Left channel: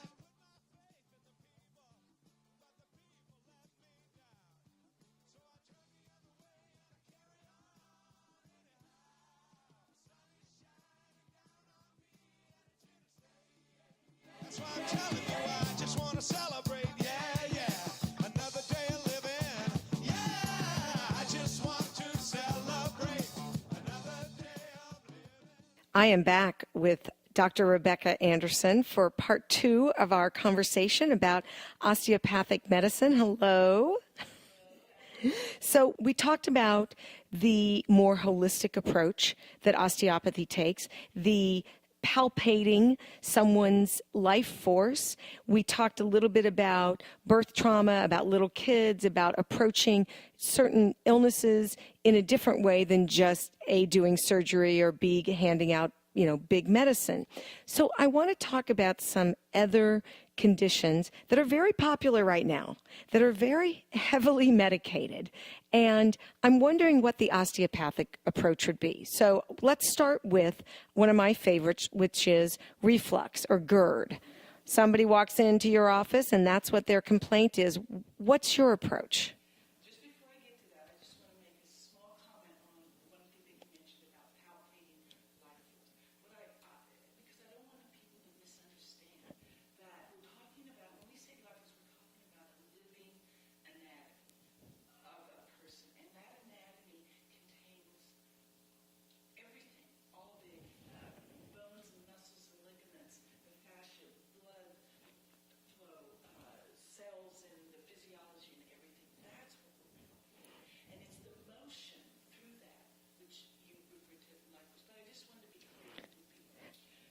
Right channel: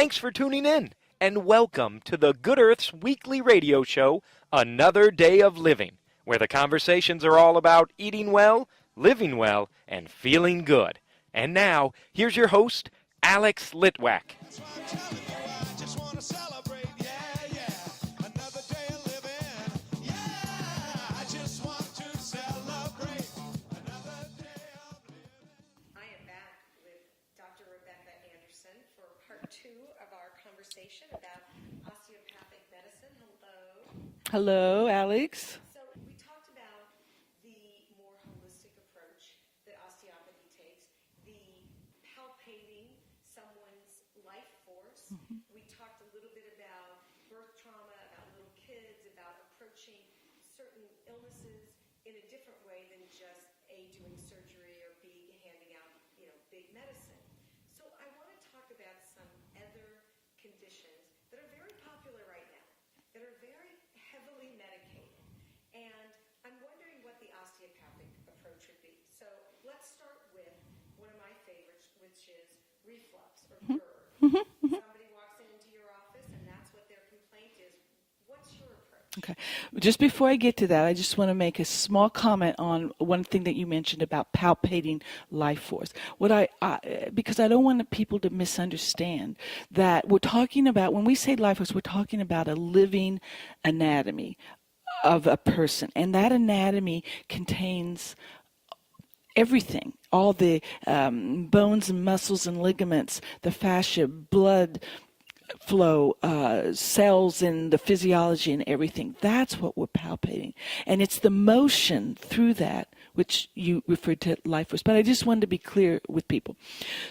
Thanks for tuning in, and welcome to the Good Earth's weekly radio show, Another Day of Living, where the conversations are all about eating well, living well, and feeling good. And now, here's your host, Alex Litwack. That's why I'm telling you, I just want to celebrate, yeah. Another day of living, yeah. I just want to celebrate another day of living. I am back with Dr. Rebecca Anderson for part 2 of our conversation about osteopathic medicine. Hello. Hello, Alex. So we talked about the more holistic approach that osteopathy takes, the palpating someone's life force. We talked a little bit about birth trauma, about little kids, about approaching certain illnesses in a different way than just A, doing surgery, or B, handing out big medicine. So I want to talk about some other conditions that are very popular right now, that are very heavily medicated. And I'm wondering what the osteopathic approach would be. So let's start with one of my favorites, which is reflux or GERD. Somebody walks into your office and that's what their complaint is. What's your approach? Okay. Just before I get to that, I just want to make a small comment on one thing that you mentioned about palpating life force. Because I don't want people to misunderstand that we're talking about, when we say life force, we're talking about a living anatomy of a person, and that anatomy contains everything, all the bones and muscles and ligaments, the fascia, blood flow, cells and the physiology and everything. That's what we're palpating, and it's the motion through that which you referred to life force. But I just wanted to be clear with people.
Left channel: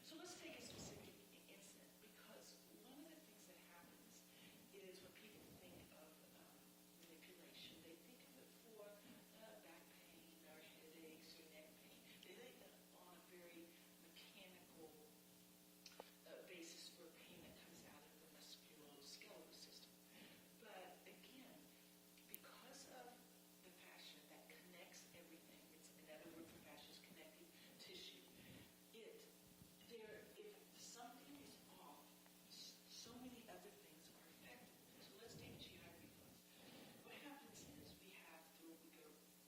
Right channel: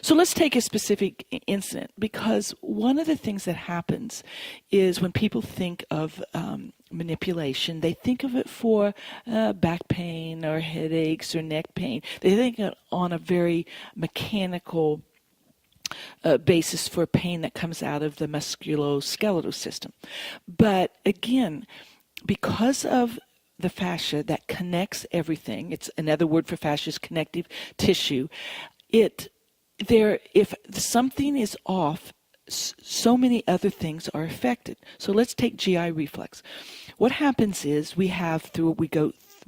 So let's take a specific incident, because one of the things that happens is when people think of manipulation, they think of it for back pain or headaches or neck pain. They think it on a very mechanical basis for pain that comes out of the musculoskeletal system. But again, because of the fascia that connects everything, it's another word for fascia is connective tissue, if something is off, so many other things are affected. So let's take GI reflux. What happens is we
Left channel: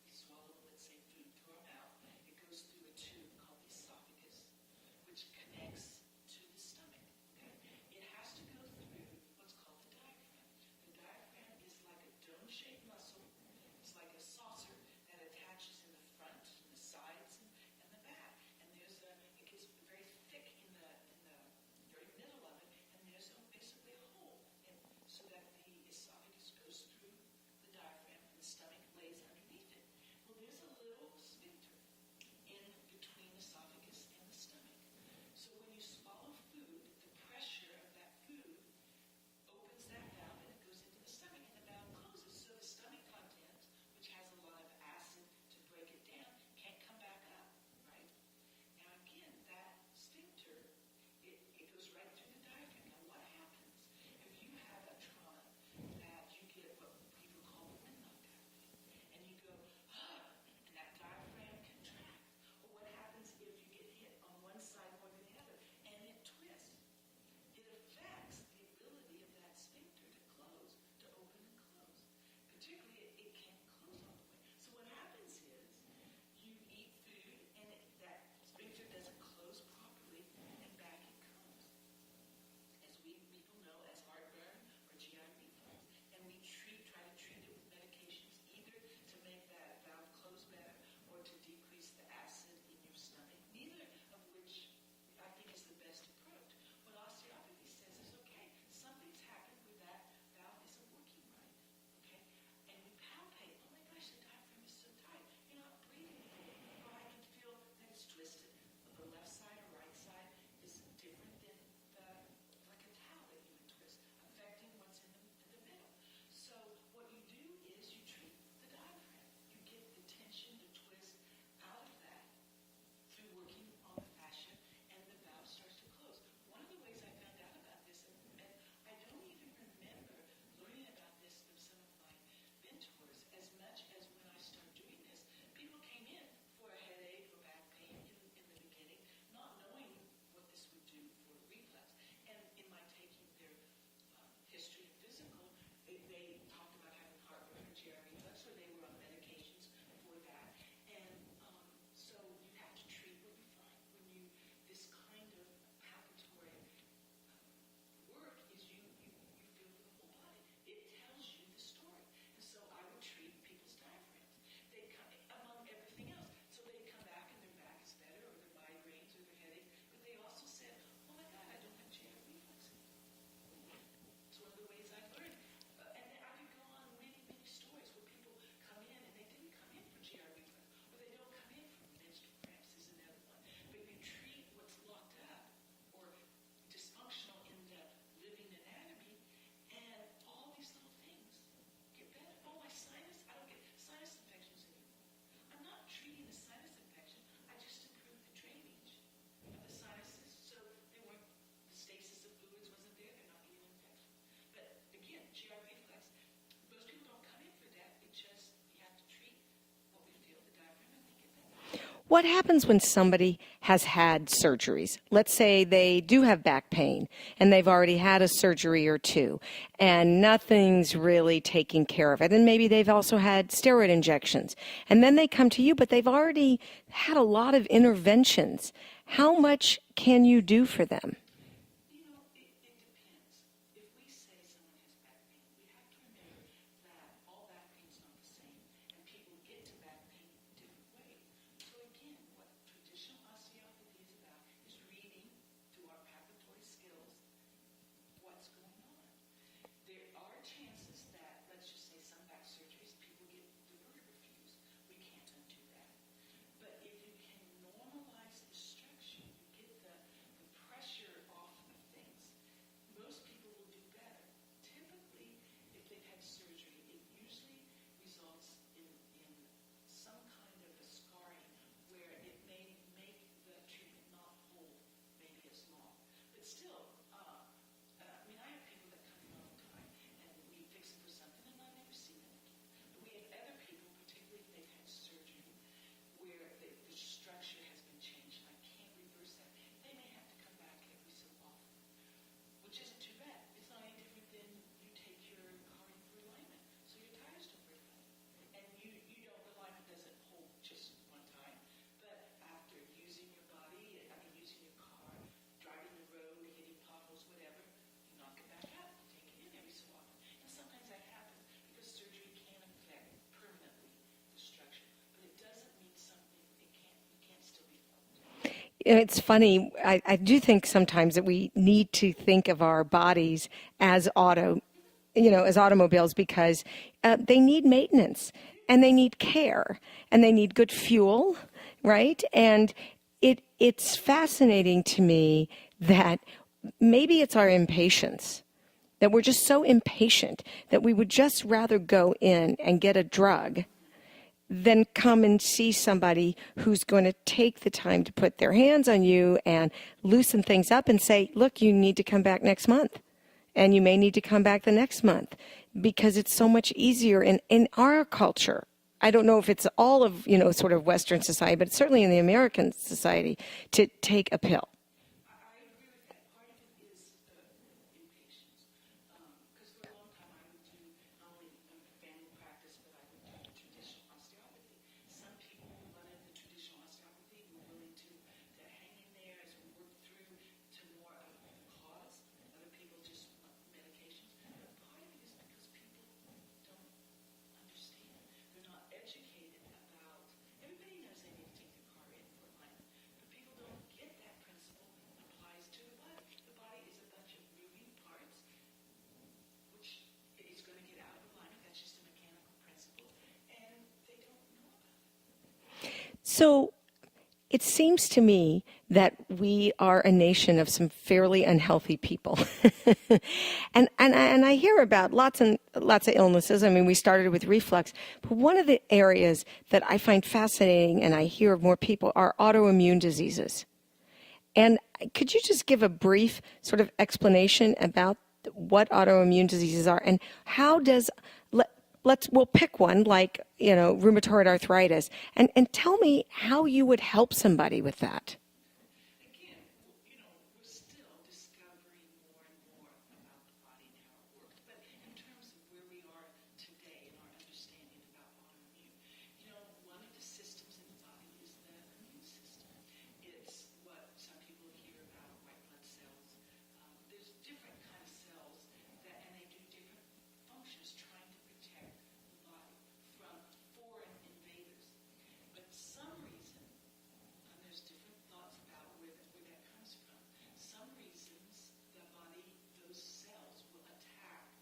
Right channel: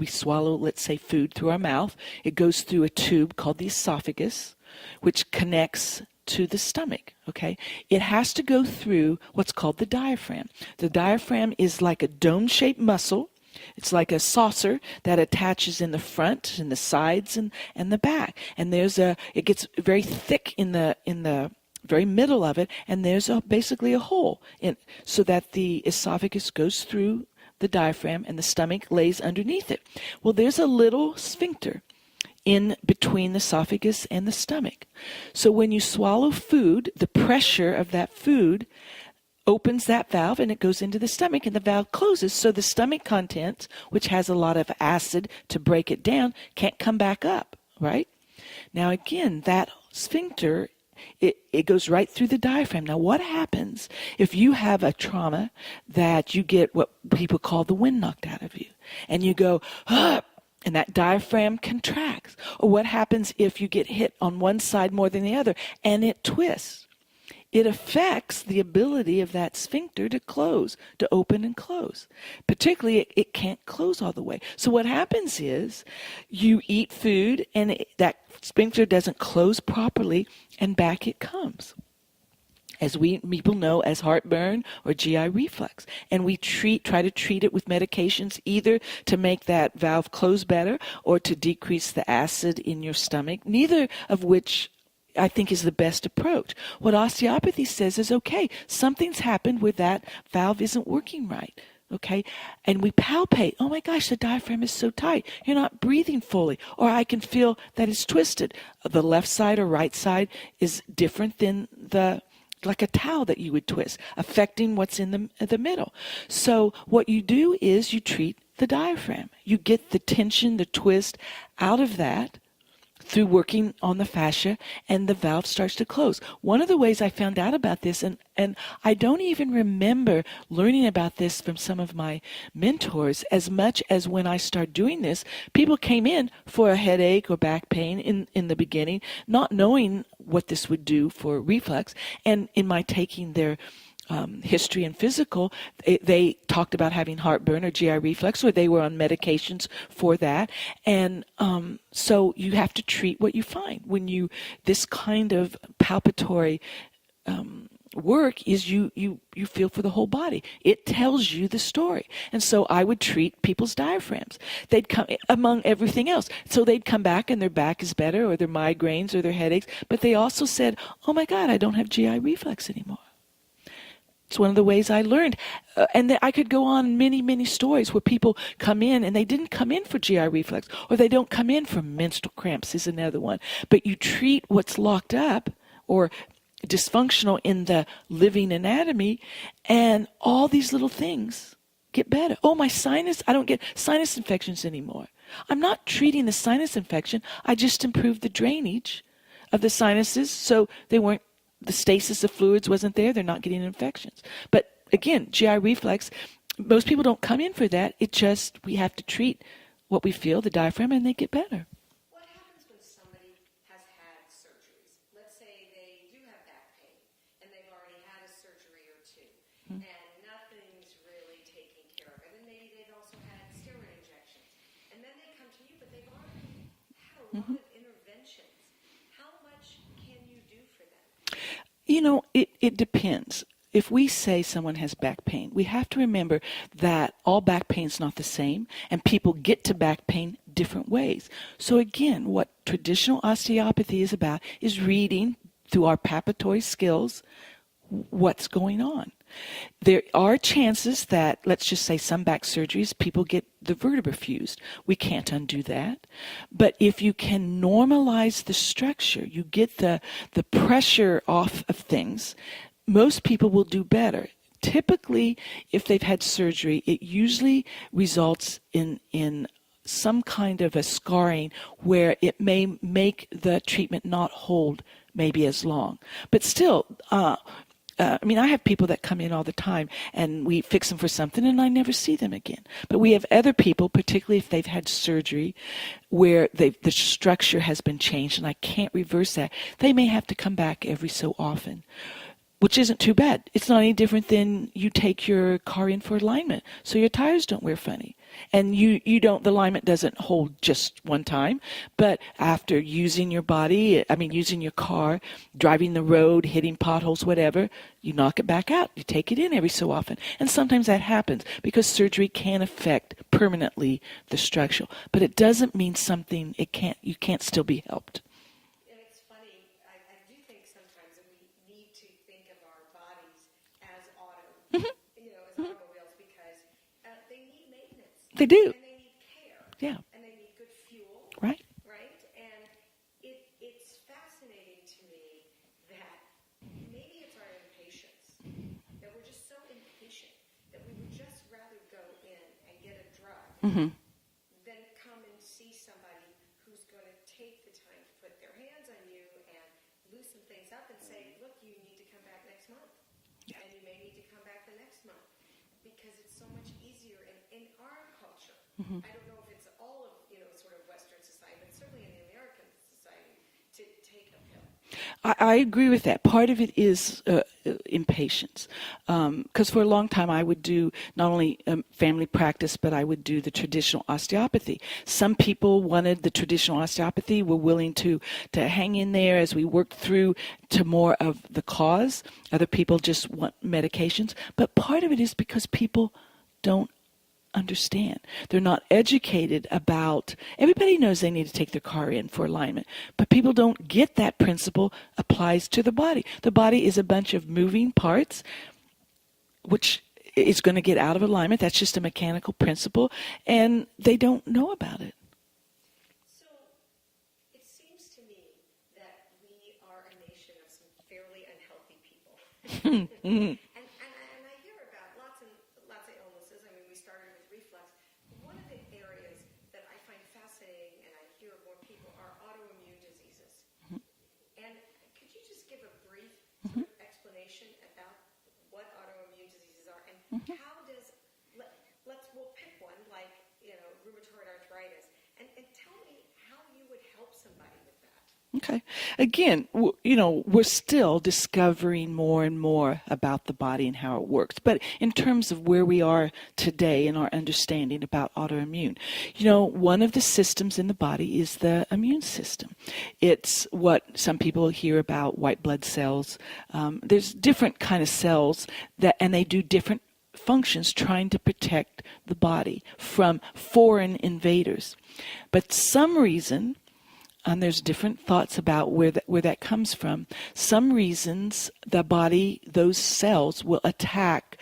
swallow, let's say, food through our mouth. It goes through a tube called the esophagus, which connects to the stomach, okay? It has to go through what's called the diaphragm. The diaphragm is like a dome-shaped muscle. It's like a saucer that attaches in the front and the sides and the back. And it gets very thick in the very middle of it, and there's basically a hole so that the esophagus goes through the diaphragm and the stomach lays underneath it. Well, there's a little sphincter in between the esophagus and the stomach. So when you swallow food, the pressure of that food opens that valve and it goes into the stomach, and the valve closes, so the stomach contents, which has a lot of acid to break it down, can't come back up, right? Now again, that sphincter, it goes right through the diaphragm. Now what happens if you have a trauma that you get what people call the wind knocked out of you, and you go, ah, and that diaphragm contracts? Or what happens if you get hit on one side more than the other and it twists? It affects the ability of that sphincter to close, to open and close. Particularly, it can't close all the way. So what happens is you eat food and that sphincter doesn't close properly, and back it comes, as people know as heartburn or GI reflux. And we try to treat it with medications, either to make that valve close better or to decrease the acid in your stomach, neither of which I think is the best approach. What osteopathy says is, okay, something's happened where that valve isn't working right, okay? And we palpate, oh my gosh, the diaphragm is so tight, you're not breathing fully, or I can feel that it's twisted. The left side or right side is different than like a towel that you would twist, affecting what's in the middle. So what you do is you treat the diaphragm. You get the tension, the twist out of that through working on the fascia, and the valve starts to close. One of the ways I found out about this, and I don't even remember learning about this from some of my mentors as much as when I started doing this, people came in for a headache or back pain in the beginning, not knowing what this would do for reflux. And in my taking their history and physical, they talked about having heartburn or GI reflux, or they were on medications for that. And so you have to treat what you find. When this kind of palpatory work is you feel for the whole body. It tells you the story. And so I would treat people's diaphragms. They'd come among everything else. So they'd come back and their back is better, or their migraines or their headaches. But they also said, oh my God, I don't have GI reflux anymore. It's one of the ways I learned. And I could go on many, many stories where people come in and they didn't come in for GI reflux, or they don't come in for menstrual cramps is another one. But you treat what's locked up or dysfunctional in the living anatomy, and all these little things get better. Oh, my sinus, I don't get sinus infections anymore. I'm not treating the sinus infection. I just improved the drainage of the sinuses so the stasis of fluids wasn't there. They're not getting infections. But again, GI reflux, most people don't come in for that. We have to treat what we feel, the diaphragm, and they get better. What happens when somebody has had surgeries? Let's say they do have back pain and they've already had a surgery or two and nothing's really taking care of it. And maybe they've also had steroid injections. And then they come to you, but they've already had a lot of interventions. How much can you do for them? It depends. If we say someone has back pain, we have to remember that all back pain is not the same, and people get to back pain different ways. So again, what traditional osteopathy is about is reading through our palpatory skills what's going on. There are chances that, let's just say some back surgeries, people get the vertebra fused. We can't undo that. But if you can normalize the structure, you get the pressure off of things, most people will do better. Typically, if they've had surgery, it usually results in some kind of a scarring where it may make the treatment not hold maybe as long. But still, I have people that come in all the time and we fix them for something and I never see them again. But we have other people, particularly if they've had surgery, where the structure has been changed and I can't reverse that. They may have to come back every so often, which isn't too bad. It's not any different than you take your car in for alignment so your tires don't wear funny. And the alignment doesn't hold just one time, but after using your body, using your car, driving the road, hitting potholes, whatever, you knock it back out. You take it in every so often. And sometimes that happens because surgery can affect permanently the structure. But it doesn't mean you can't still be helped. It's funny. I do think sometimes that we need to think of our bodies as as automobiles, because they need maintenance. They do. And they need care. Yeah. And they need good fuel. Right? And it's fascinating to me that maybe it's our impatience, that we're just so impatient that we would just rather go in and get a drug than come and see somebody who's going to take the time to put their hands on you and loosen things up and say, look, you need to come back next month. And you may need to come back the next month, because it's so much easier in our culture. I don't know if it's all of, sort of Western society, but certainly in the American society, to take a pill. I agree with that. Part of it is impatience. Because for a long time I would do not only family practice, but I would do the traditional osteopathy. Some people wanted the traditional osteopathy, were willing to hang in there as we worked through to more of the cause. Other people just want medications. But part of it is because people don't understand. They're not educated about, everybody knows they need to take their car in for alignment, but people don't get that principle applies to the body. The body is a bunch of moving parts, which is going to get out of alignment. That's just a mechanical principle, and they don't know about it. So it seems to me that we are a nation of some fairly unhealthy people. And I hear about lots of illnesses. We started with reflux. But one of the areas that I find fascinating and I hear of more people are autoimmune diseases. And could you just give a brief sort of explanation about what autoimmune diseases are and how does... We'll pick one like, rheumatoid arthritis, and tell me how you would help somebody with that. Okay. Again, we're still discovering more and more about the body and how it works. But in terms of where we are today in our understanding about autoimmune, one of the systems in the body is the immune system. It's what some people hear about white blood cells. There's different kind of cells and they do different functions trying to protect the body from foreign invaders. But some reason, and there's different thoughts about where that comes from. Some reasons the body, those cells will attack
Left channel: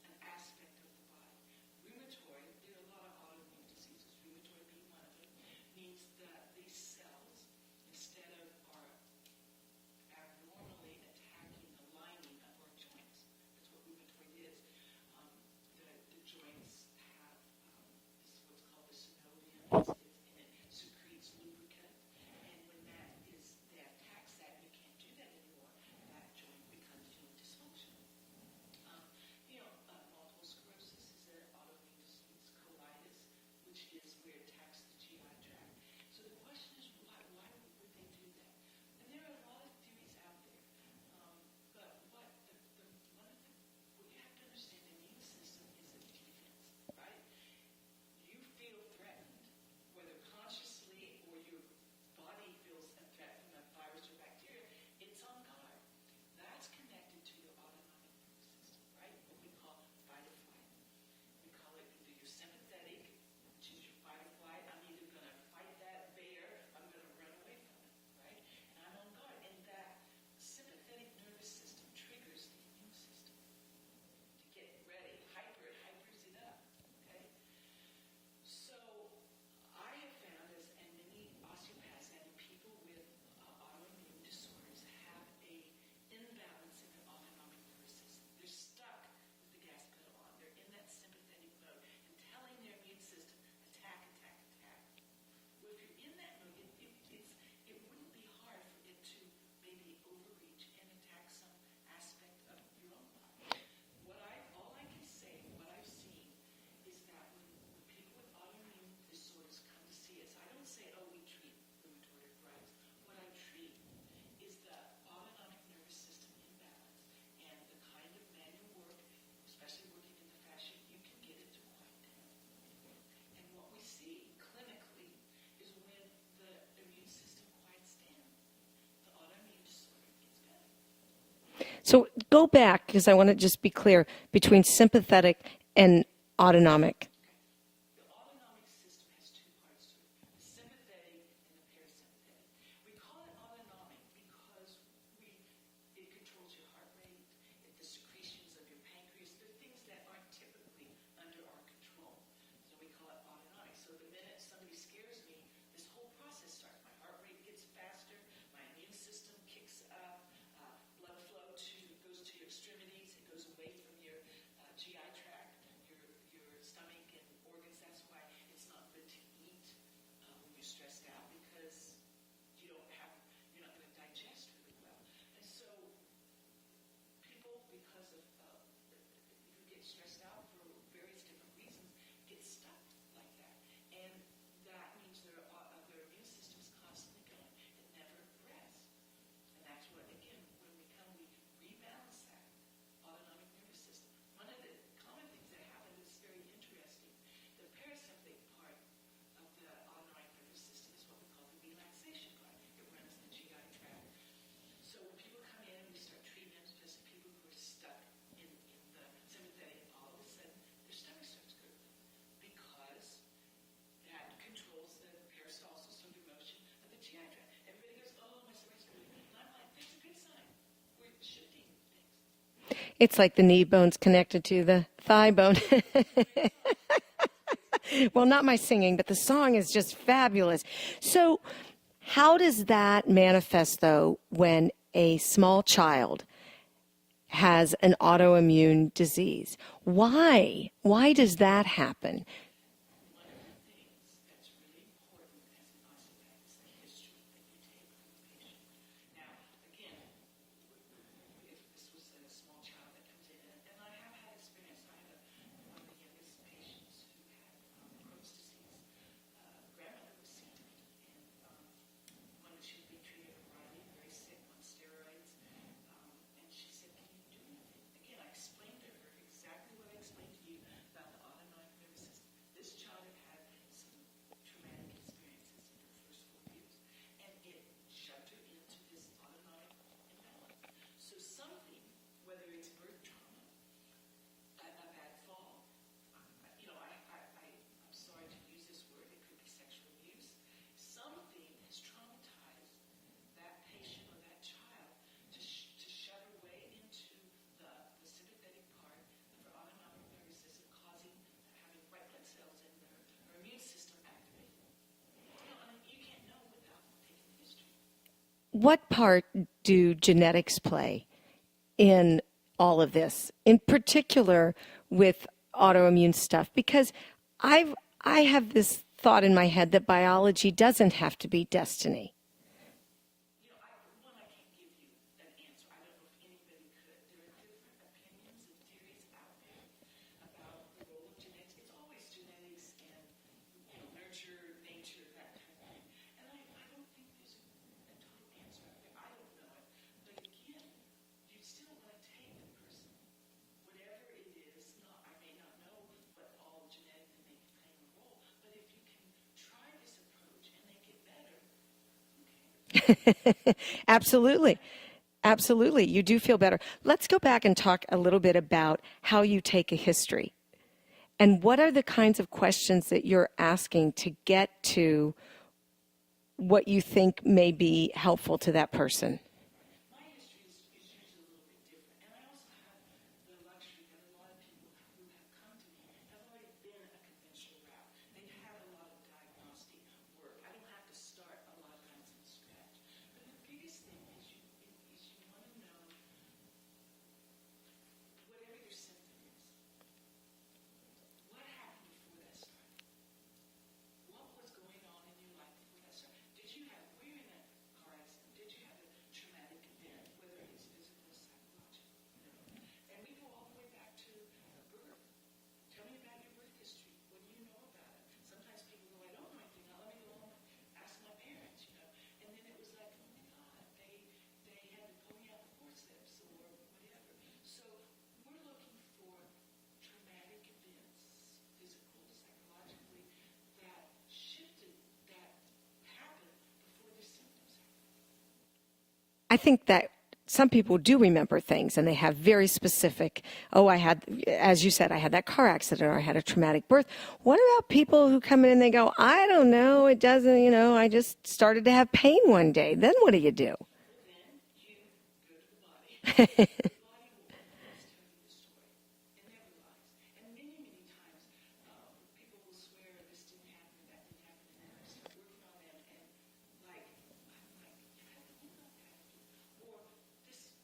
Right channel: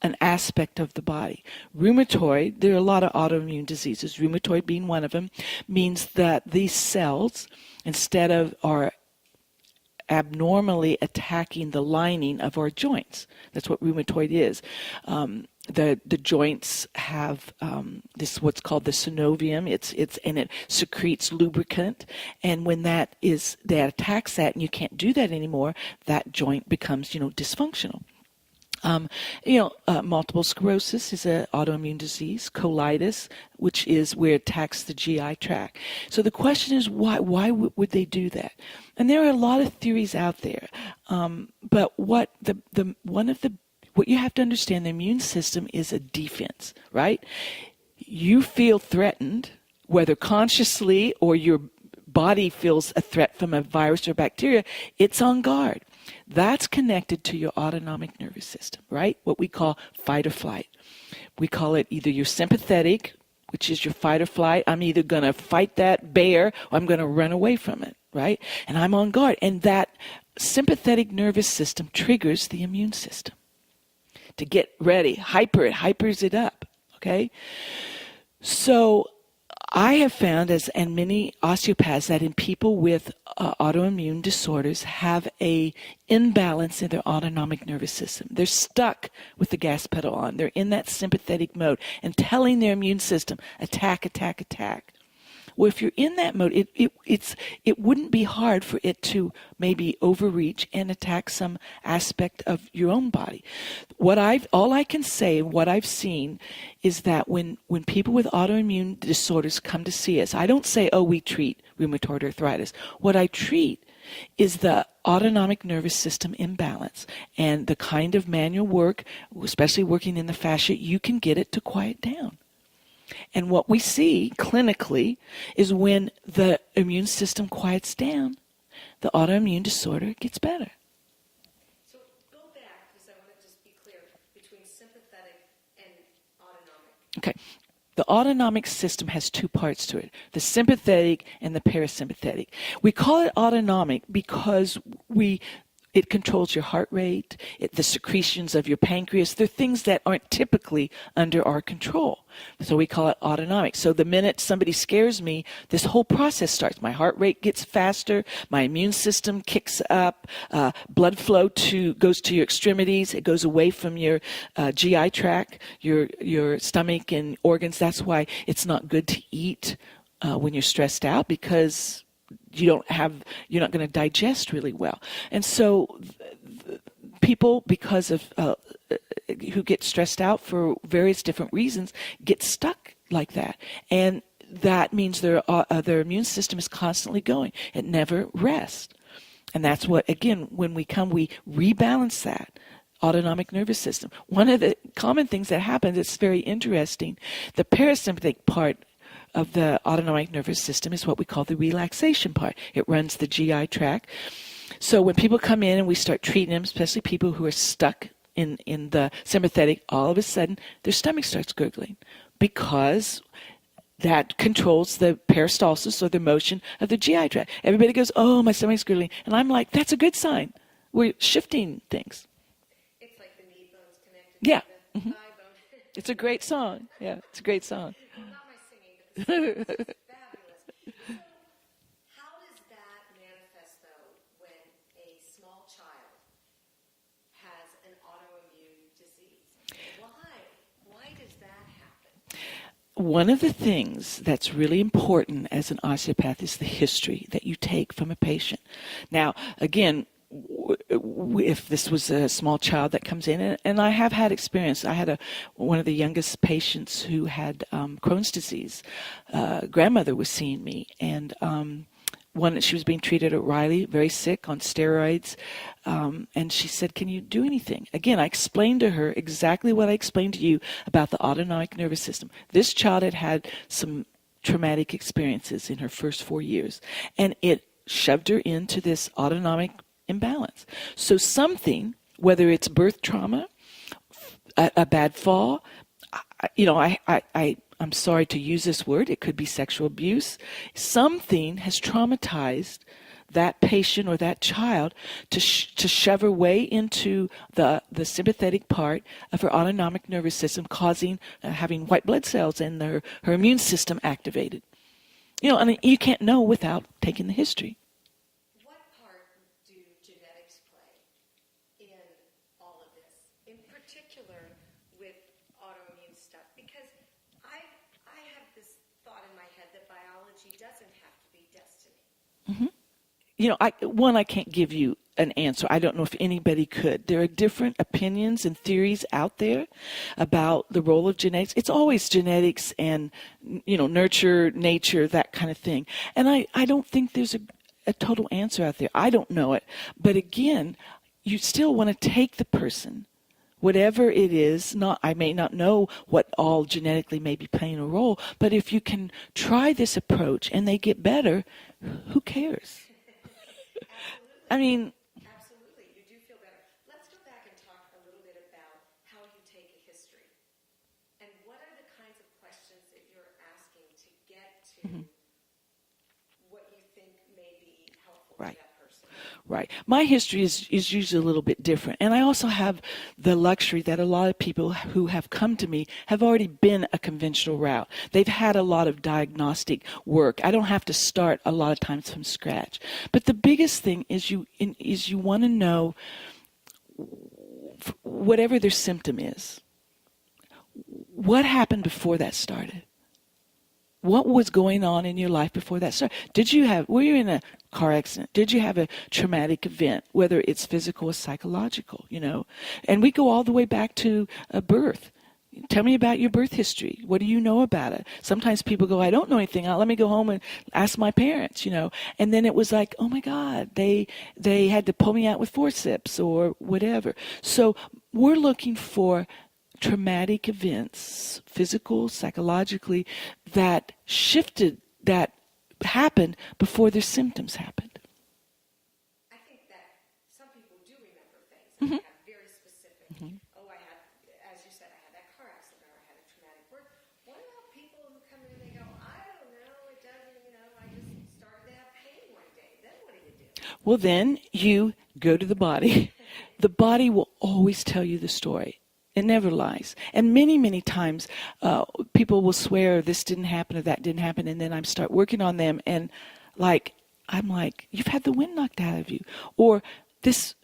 an aspect of the body. Rheumatoid, there are a lot of autoimmune diseases, rheumatoid being one of them, means that these cells, instead of are abnormally attacking the lining of our joints. That's what rheumatoid is. The joints have this what's called the synovium. And it secretes lubricant, and when that attacks that, and you can't do that anymore, that joint becomes dysfunctional. Multiple sclerosis is an autoimmune disease. Colitis, which is where it attacks the GI tract. So the question is, why would they do that? And there are a lot of theories out there. But what you have to understand, the immune system is a defense, right? You feel threatened, whether consciously or your body feels a threat from a virus or bacteria, it's on guard. That's connected to your autonomic nervous system, right? What we call fight or flight. We call it either your sympathetic, which is your fight or flight. I'm either going to fight that bear or I'm going to run away from it, right? And I'm on guard. And that sympathetic nervous system triggers the immune system to get ready. Hypers it up, okay? So I have found, and many osteopaths, that in people with autoimmune disorders have a imbalance in their autonomic nervous system. They're stuck with the gas pedal on. They're in that sympathetic mode and telling their immune system, attack, attack, attack. Well, if you're in that mode, it wouldn't be hard for it to maybe overreach and attack some aspect of your own body. All I can say, what I've seen, is that when people with autoimmune disorders come to see us, I don't say, we treat rheumatoid arthritis. What I treat is the autonomic nervous system imbalance, and the kind of manual work, especially working in the fascia, you can get it to quiet down. And what we see clinically is when the immune system quiets down, the autoimmune disorder gets better. So go back, because I want to just be clear, between sympathetic and autonomic. Okay. The autonomic system has two parts to it, the sympathetic and the parasympathetic. We call it autonomic because it controls your heart rate, the secretions of your pancreas. They're things that aren't typically under our control. So we call it autonomic. So the minute somebody scares me, this whole process starts. My heart rate gets faster, my immune system kicks up, blood flow goes to your extremities, it goes away from your GI tract, your stomach and organs. That's why it's not good to eat when you're stressed out, because you're not going to digest really well. And so people, because of who get stressed out for various different reasons, get stuck like that. And that means their immune system is constantly going. It never rests. And that's what, again, when we rebalance that autonomic nervous system. One of the common things that happens, it's very interesting, the parasympathetic part of the autonomic nervous system is what we call the relaxation part. It runs the GI tract. So when people come in and we start treating them, especially people who are stuck in the sympathetic, all of a sudden their stomach starts gurgling, because that controls the peristalsis, or the motion of the GI tract. Everybody goes, oh, my stomach's gurgling. And I'm like, that's a good sign. We're shifting things. It's like the knee bone's connected to the thigh bone. It's a great song. Yeah, it's a great song. Well, not my singing, but the song is just fabulous. So how does that manifest, though, when a small child has an autoimmune disease? Why? Why does that happen? One of the things that's really important as an osteopath is the history that you take from a patient. Now, again, if this was a small child that comes in, and I have had experience. I had one of the youngest patients who had Crohn's disease. Grandmother was seeing me, and she was being treated at Riley, very sick on steroids. And she said, can you do anything? Again, I explained to her exactly what I explained to you about the autonomic nervous system. This child had had some traumatic experiences in her first 4 years, and it shoved her into this autonomic imbalance. So something, whether it's birth trauma, a bad fall, I'm sorry to use this word, it could be sexual abuse. Something has traumatized that patient or that child to shove her way into the sympathetic part of her autonomic nervous system, causing having white blood cells and her immune system activated. I mean, you can't know without taking the history. What part do genetics play in all of this, in particular with autoimmune stuff? Because I have this thought in my head that biology doesn't have to be destiny. Mm-hmm. I can't give you an answer. I don't know if anybody could. There are different opinions and theories out there about the role of genetics. It's always genetics and, nurture, nature, that kind of thing. And I don't think there's a total answer out there. I don't know it. But again, you still want to take the person, whatever it is. I may not know what all genetically may be playing a role, but if you can try this approach and they get better, who cares? Absolutely. I mean, absolutely. You do feel better. Let's go back and talk a little bit about how you take a history. And what are the kinds of questions that you're asking to get to what you think may be helpful to that person? Right. My history is usually a little bit different. And I also have the luxury that a lot of people who have come to me have already been a conventional route. They've had a lot of diagnostic work. I don't have to start a lot of times from scratch. But the biggest thing is you want to know whatever their symptom is, what happened before that started? What was going on in your life before that started? Were you in a car accident? Did you have a traumatic event, whether it's physical or psychological, And we go all the way back to birth. Tell me about your birth history. What do you know about it? Sometimes people go, I don't know anything. Let me go home and ask my parents, And then it was like, oh my God, they had to pull me out with forceps or whatever. So we're looking for traumatic events, physical, psychologically, that shifted, that happened before their symptoms happened. I think that some people do remember things and they have very specific, I had, as you said, I had that car accident or I had a traumatic birth. What about people who come in and they go, I don't know, it doesn't, I just started to have pain one day. Then what do you do? Well, then you go to the body. The body will always tell you the story. It never lies. And many, many times people will swear this didn't happen or that didn't happen, and then I start working on them, and I'm like, you've had the wind knocked out of you. Or this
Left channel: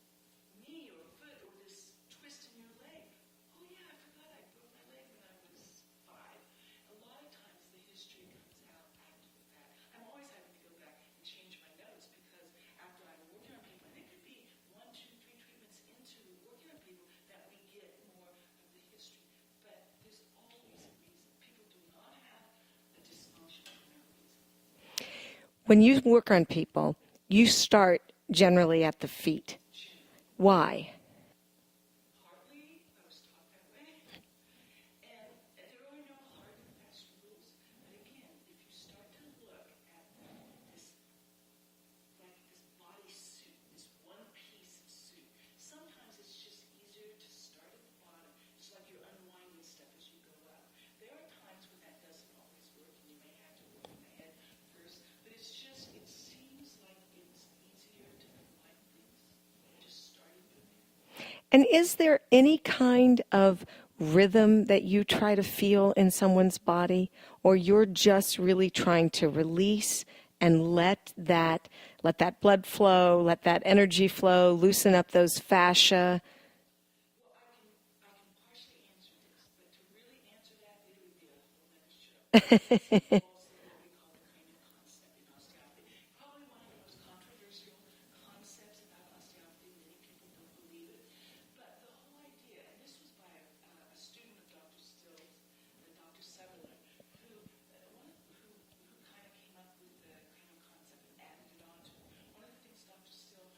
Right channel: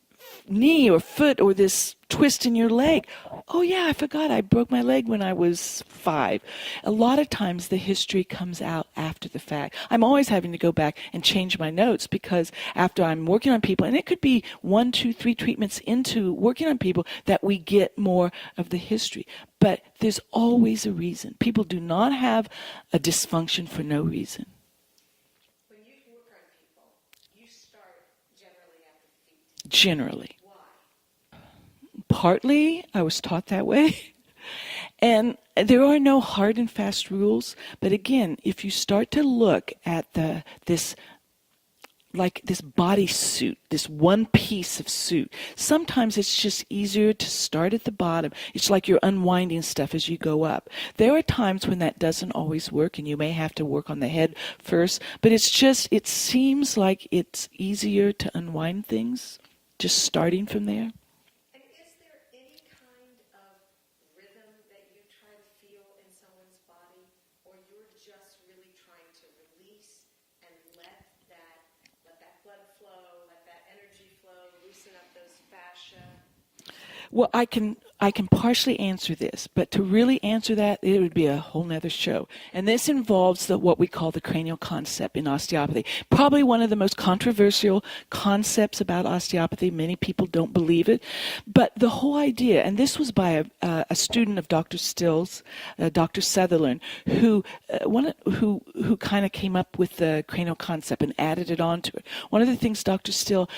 knee or foot or this twist in your leg. Oh, yeah, I forgot I broke my leg when I was 5. A lot of times the history comes out after the fact. I'm always having to go back and change my notes because after I'm working on people, and it could be 1, 2, 3 treatments into working on people that we get more of the history. But there's always a reason. People do not have a dysfunction for no reason. When you work on people, you start generally at the feet. Generally. Why? Partly, I was taught that way. And there are no hard and fast rules. But again, if you start to look at this body suit, this one piece of suit, sometimes it's just easier to start at the bottom. It's like you're unwinding stuff as you go up. There are times when that doesn't always work and you may have to work on the head first, but it seems like it's easier to unwind things just starting from there. And is there any kind of rhythm that you try to feel in someone's body, or you're just really trying to release and let that blood flow, let that energy flow, loosen up those fascia? Well, I can I can partially answer this, but to really answer that, it would be a whole nother show. And this involves what we call the cranial concept in osteopathy. Probably one of the most controversial concepts about osteopathy. Many people don't believe it. But the whole idea, and this was by a student of Dr. Still's, Dr. Sutherland, who kind of came up with the cranial concept and added it onto it. One of the things Dr. Still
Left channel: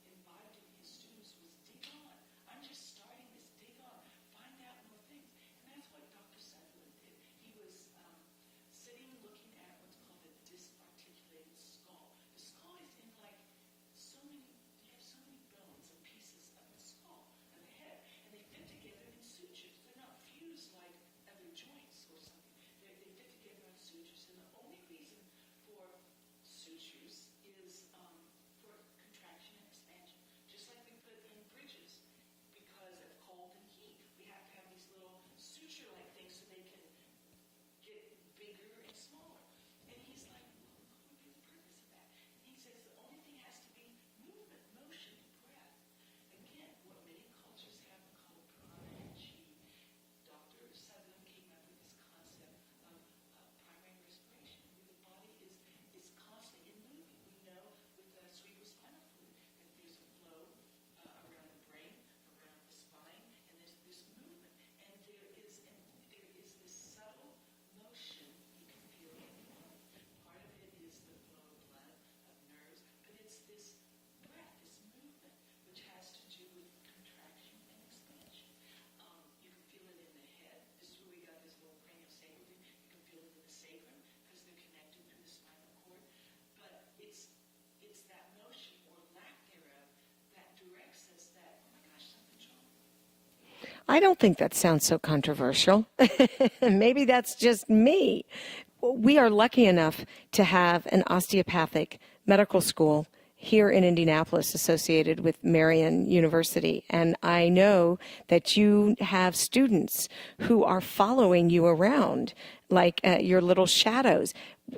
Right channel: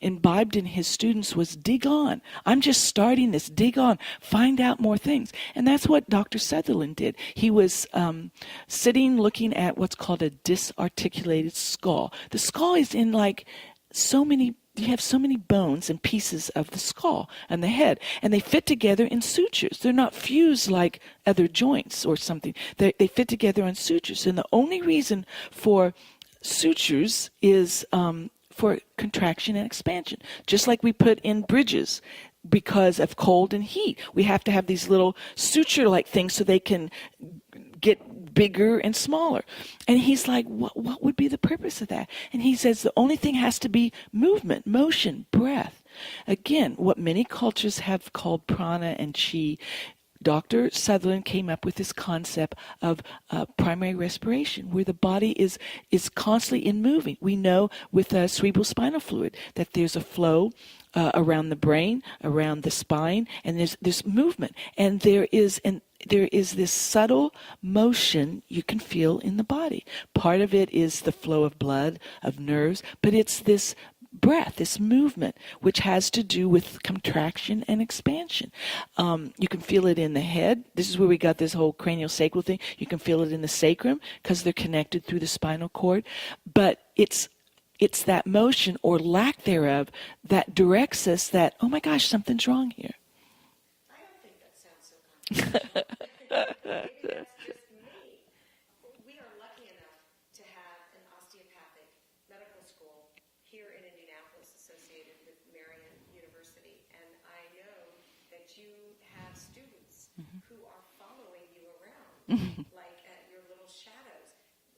imbibed in his students was dig on. I'm just starting this. Dig on, find out more things. And that's what Dr. Sutherland did. He was sitting looking at what's called a disarticulated skull. The skull is in you have so many bones and pieces of the skull and the head, and they fit together in sutures. They're not fused like other joints or something. They fit together on sutures. And the only reason for sutures is for contraction and expansion, just like we put in bridges. Because of cold and heat, we have to have these little suture-like things so they can get bigger and smaller. And he's like, what would be the purpose of that? And he says the only thing has to be movement, motion, breath. Again, what many cultures have called prana and chi. Dr. Sutherland came up with this concept of primary respiration, where the body is constantly in moving. We know with cerebral spinal fluid that there's a flow around the brain, around the spine, and there's movement. And there is this subtle motion you can feel in the body. Part of it is the flow of blood, of nerves, but it's this breath, this movement, which has to do with contraction and expansion. You can feel it in the head. This is where we got this whole craniosacral thing. You can feel it in the sacrum because they're connected through the spinal cord. But it's that motion or lack thereof that directs us that, oh my gosh, something's wrong here. I don't think that sounds so controversial. Maybe that's just me. We are lucky enough to have an osteopathic medical school here in Indianapolis associated with Marian University. And I know that you have students who are following you around like your little shadows.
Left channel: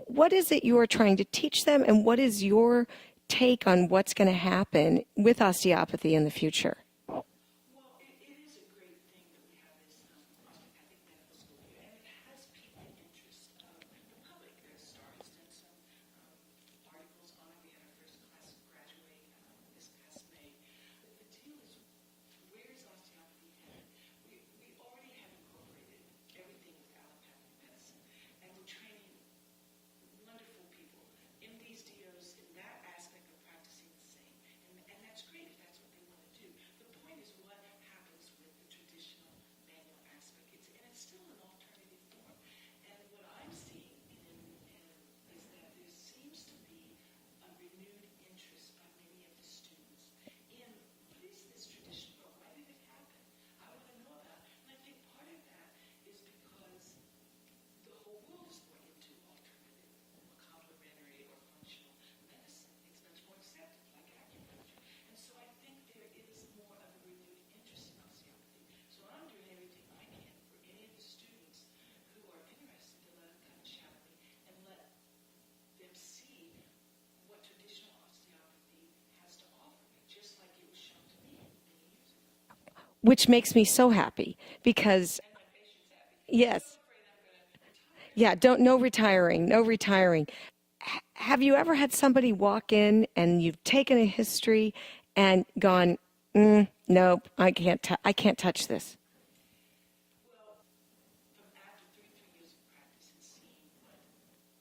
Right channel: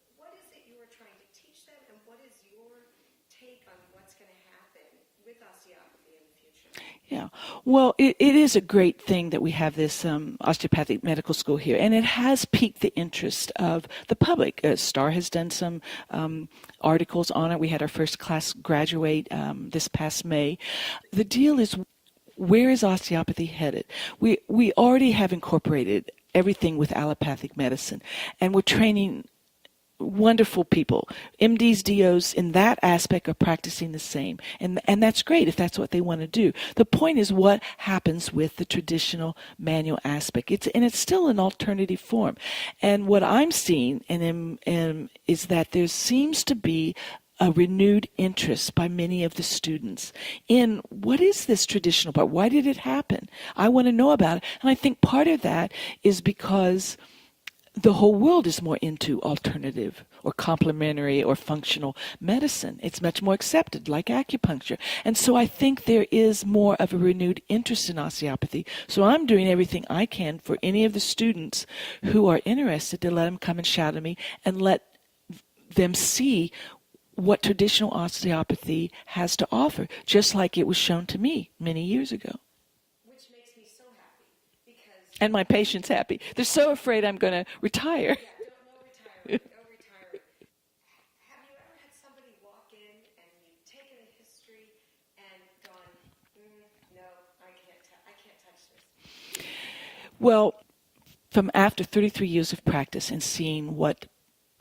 What is it you are trying to teach them, and what is your take on what's going to happen with osteopathy in the future? Yeah, well, it is a great thing that we have this osteopathic medical school here, and it has piqued the interest of the public. Star has done some articles on it. We had our first class graduate this past May. The deal is, where is osteopathy headed? We already have incorporated everything with allopathic medicine, and we're training wonderful people. MDs, DOs in that aspect are practicing the same. And that's great if that's what they want to do. The point is what happens with the traditional manual aspect. It's still an alternative form. And what I'm seeing is that there seems to be a renewed interest by many of the students in what is this traditional part? Why did it happen? I want to know about it. And I think part of that is because the whole world is more into alternative or complementary or functional medicine. It's much more accepted, like acupuncture. And so I think there is more of a renewed interest in osteopathy. So I'm doing everything I can for any of the students who are interested to let them come and shadow me and let them see what traditional osteopathy has to offer, just like it was shown to me many years ago. Which makes me so happy because... And my patient's happy. They're so afraid I'm going to retire. Yeah, no retiring, no retiring. Have you ever had somebody walk in and you've taken a history and gone, nope, I can't touch this? Well, from after 33 years of practice and seeing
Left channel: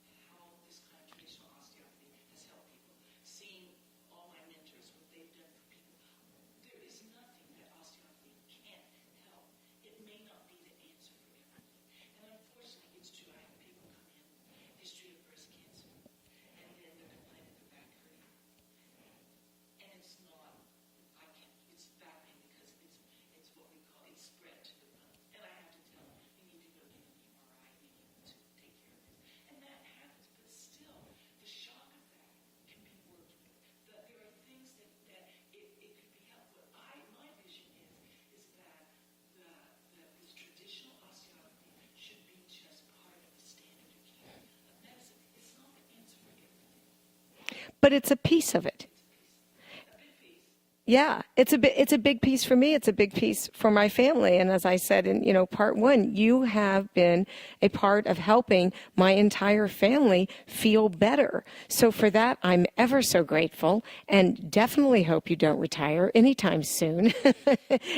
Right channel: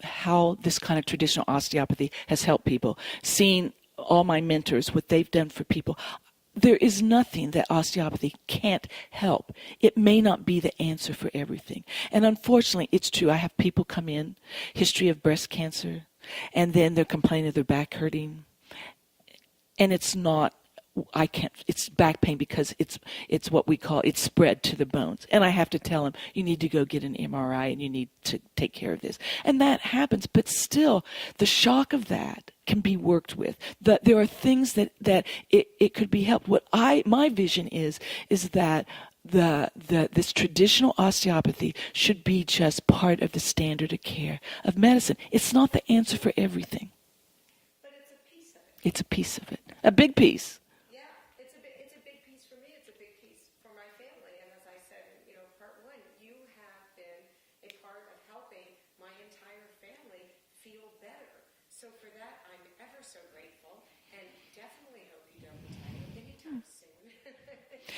how this kind of traditional osteopathy has helped people, seeing all my mentors, what they've done for people, there is nothing that osteopathy can't help. It may not be the answer for everything. And unfortunately, it's true. I have people come in, history of breast cancer, and then they're complaining of their back hurting. And it's not, it's back pain because it's what we call, it's spread to the bones. And I have to tell them, you need to go get an MRI and you need to take care of this. And that happens, but still, the shock of that can be worked with. There are things that it could be helped. My vision is that this traditional osteopathy should be just part of the standard of care of medicine. It's not the answer for everything. But it's a piece of it. It's a piece of it. A big piece. Yeah, it's a big piece for me. It's a big piece for my family. And as I said in, part one, you have been a part of helping my entire family feel better. So for that, I'm ever so grateful, and definitely hope you don't retire anytime soon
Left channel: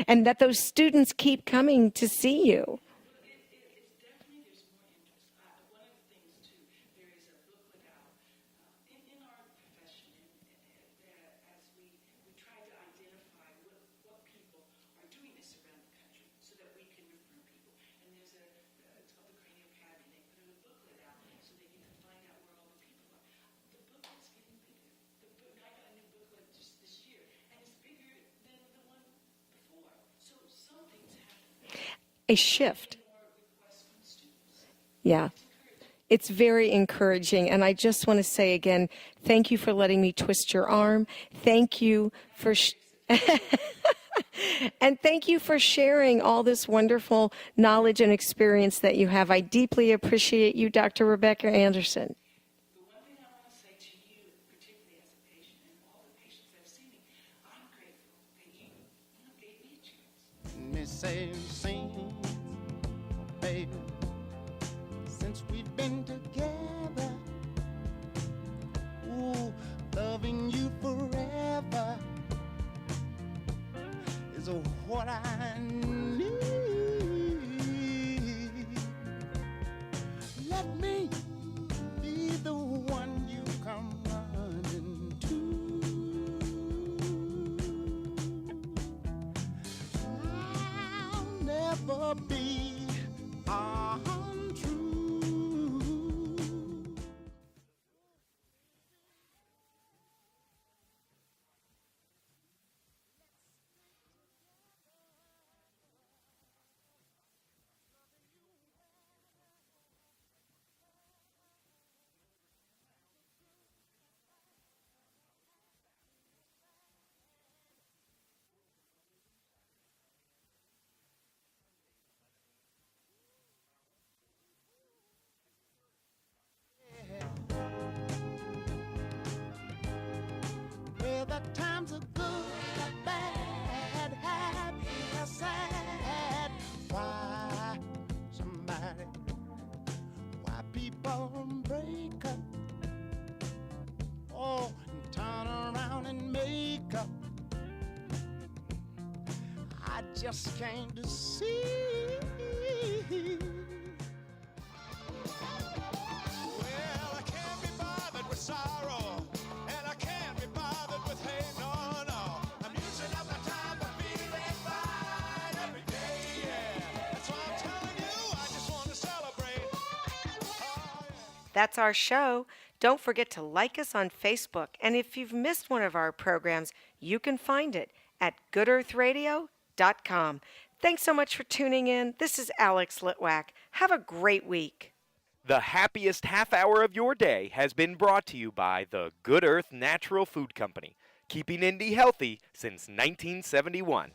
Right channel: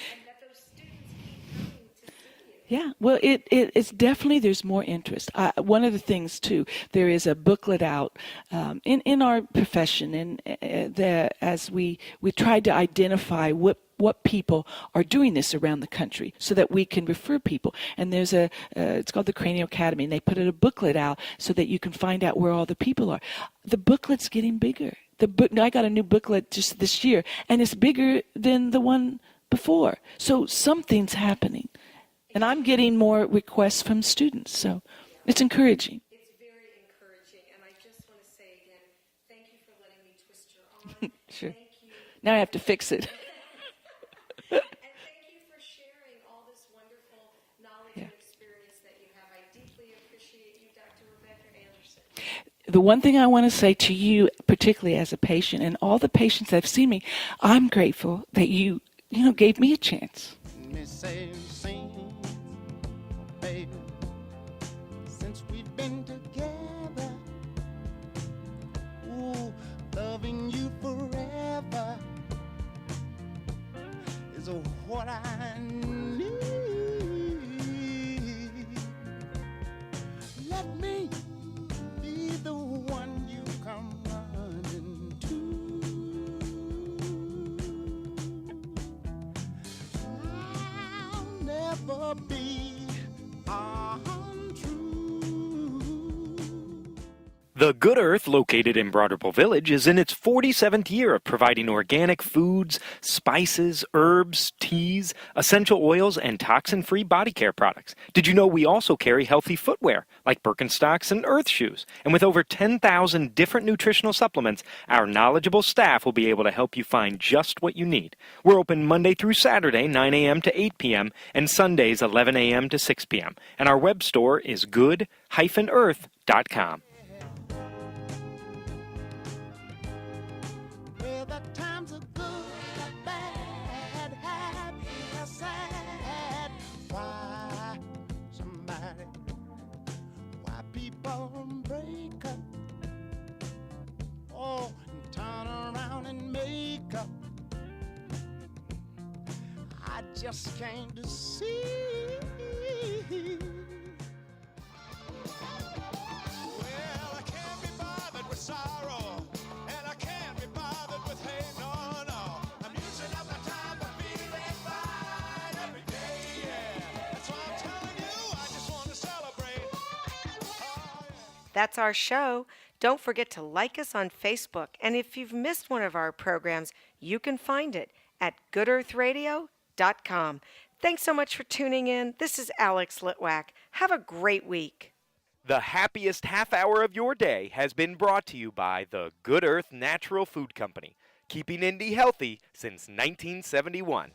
and that those students keep coming to see you. Yeah, well, it's definitely, there's more interest. One of the things too, there is a booklet out in our profession, and as we tried to identify what people are doing this around the country so that we can refer people. And there's it's called the Cranial Academy, and they put a booklet out so that you can find out where all the people are. The booklet's getting bigger. I got a new booklet just this year, and it's bigger than the one before. So something's happening. And I'm getting more requests from students, so it's encouraging. It's very encouraging, and I just want to say again, thank you for letting me twist your arm. Sure. Thank you. Now I have to fix it. And thank you for sharing all this wonderful knowledge and experience that you have. I deeply appreciate you, Dr. Rebecca Anderson. The one thing I want to say to you, particularly as a patient, and all the patients that have seen me, I'm grateful that you gave me a chance. Me say, sing, baby, since we've been together, ooh, loving you forever is what I need. Let me be the one you come running to. I'll never be untrue. The Good Earth, located in Broderpool Village, is in its 47th year of providing organic foods, spices, herbs, teas, essential oils, and toxin-free body care products. Did you know we also carry healthy footwear, like Birkenstocks and Earth shoes? And with over 10,000 different nutritional supplements, our knowledgeable staff will be able to help you find just what you need. We're open Monday through Saturday, 9 a.m. to 8 p.m., and Sundays, 11 a.m. to 6 p.m. And our web store is good-earth.com. Well, the times are good, bad, happy, or sad. Why people break up? Oh, and turn around and make up. I just came to see. Well, I can't be bothered with sorrow. And I can't be bothered with hate, no, no. I'm using up my time for feeling fine every day, yeah. That's why I'm telling you, I just want to celebrate. Oh, yeah. That's our show. Don't forget to like us on Facebook. And if you've missed one of our programs, you can find it at goodearthradio.com. Thanks so much for tuning in. This is Alex Litwack. Have a great week. The happiest half hour of your day has been brought to you by the Good Earth Natural Food Company, keeping Indy healthy since 1971.